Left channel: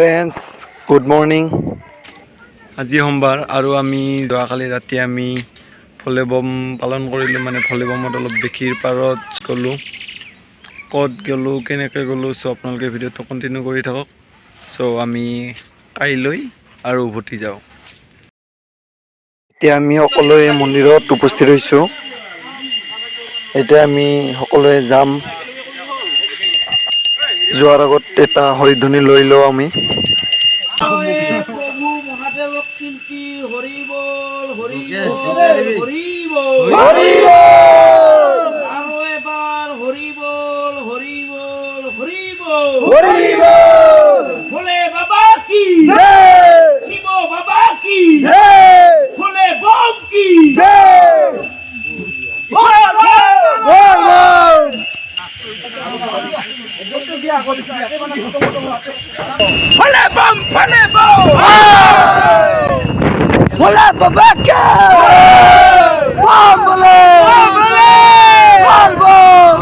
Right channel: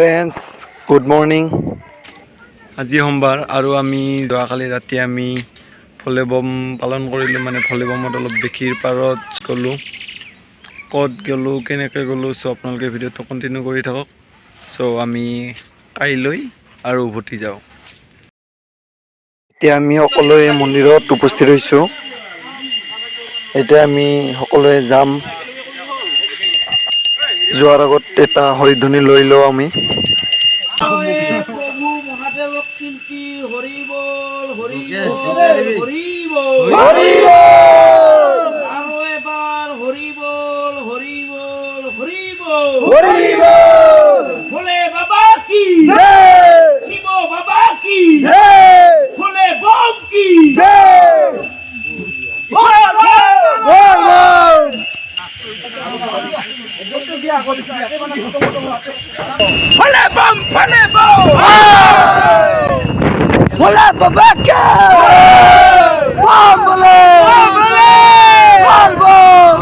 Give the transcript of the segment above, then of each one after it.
Friends good morning. আজি সোমবাৰ আৰু আমি যোৱাকালি ৰাতি আমি ভলীবম পালন কৰিলোঁ। মানে ভলীবমত অলপ বেকীৰ পাৰত গ'লোঁ। ক'ত গ'লোঁ কেনেকৈ গ'লোঁ চ' আপোনালোকে ভিডিঅ'টো কণ্টিনিউ কৰি থাকক। চ' আমি কাইলৈ আৰু উভতি যাওঁ। এতিয়া আমি সকলোৱে মন্দিৰত উপস্থিত হৈছোঁ। এতিয়া আমি সকলোৱে যাম। যোৱাৰ আগত এটা হৰিধ্বনি লৈ লওঁ আমি। প্ৰভু মহাদেৱক কীৰ্তি হৰি বল হৰি বল হৰি বল আৰু এবাৰ হৰি বল হৰি বল হৰি বল হৰি বল ভোলে বাবা কি জয় শিৱ বাবা কি জয় ভোলে বম কি জয় বল বল বল भोले बम भोला बाबा का बम भोले बम बम बम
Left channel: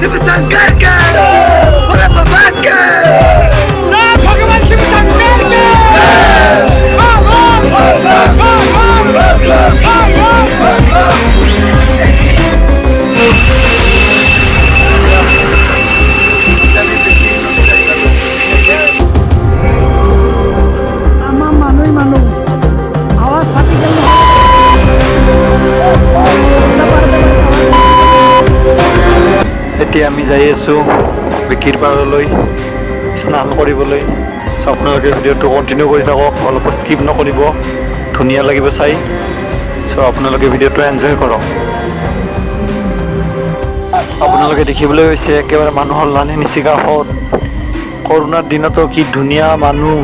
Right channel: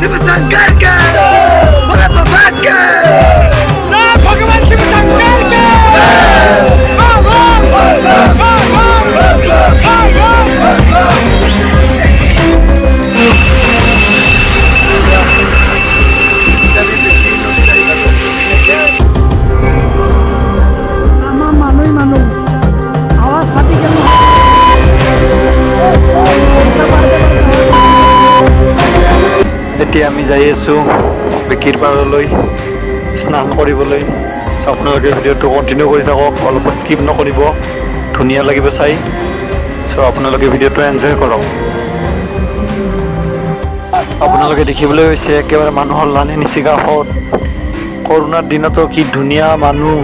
शिव शंकर के भोले बाबा के भगवान शिव शंकर के আমার মানুষ আওয়াজ ফাটি গেল। এতিয়া আমি যাই আছোঁ বেকীৰ পাৰলৈ স্নান কৰিবলৈ। চ' আপোনালোকে ভিডিঅ'টো কণ্টিনিউ কৰি থাকক, অলপ স্কিপ নকৰিব, ধুনীয়া লাগিব চাই। চ' আপোনালোকে ভিডিঅ'টো এনজয় কৰক। আপোনালোকে দেখিবলৈ হৈছে একেবাৰে মানুহৰ লানি নিচি কাষত। কৰোণাৰ দিনতো কি ধুনীয়া মানুহ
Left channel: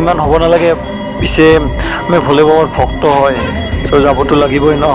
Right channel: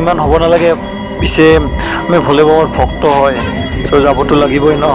ইমান হ'ব নালাগে। পিছে আমি ভলীবমৰ ভক্ত হয়, চ' যাবতো লাগিবই ন।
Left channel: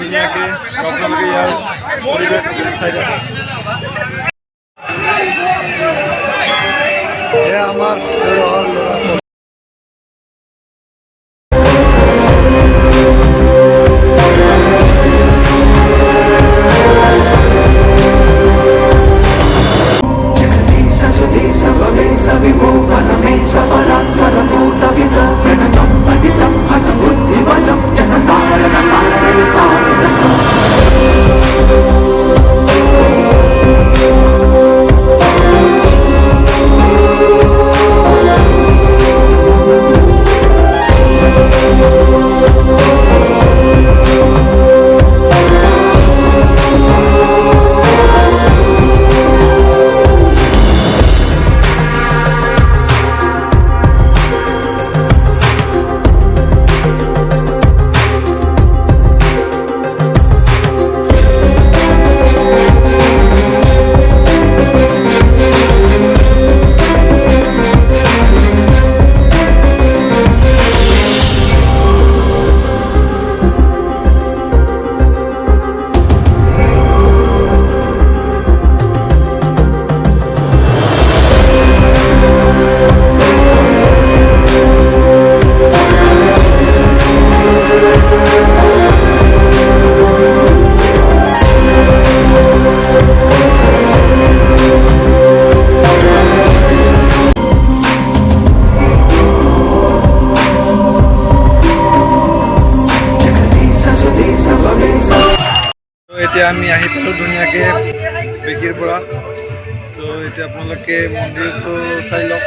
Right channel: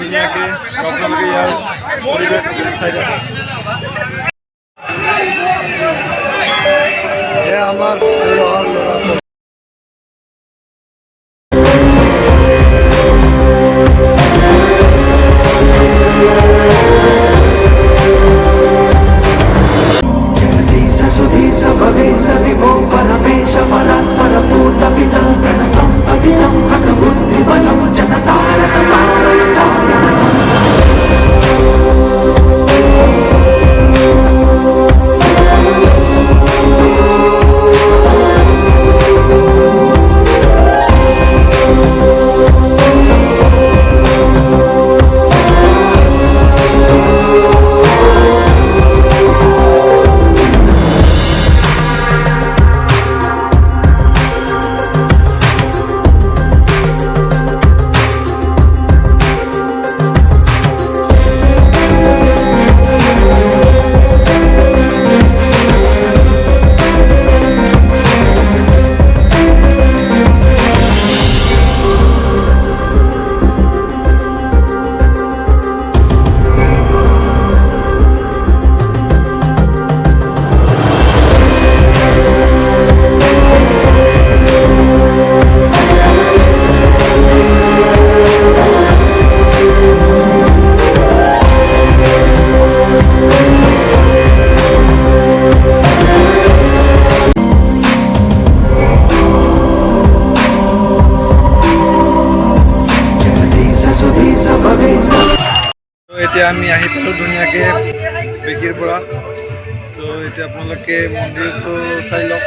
ধুনীয়াকৈ আপোনালোকে ইয়াৰ পৰিৱেশ চাই থাকে। এয়া আমাৰ ল'ৰা এতিয়া আমি আহি পালোঁ ধুনীয়াকৈ বেকীৰ পৰা। চ' এতিয়া আপোনালোকে মন্দিৰটো চাই লওক।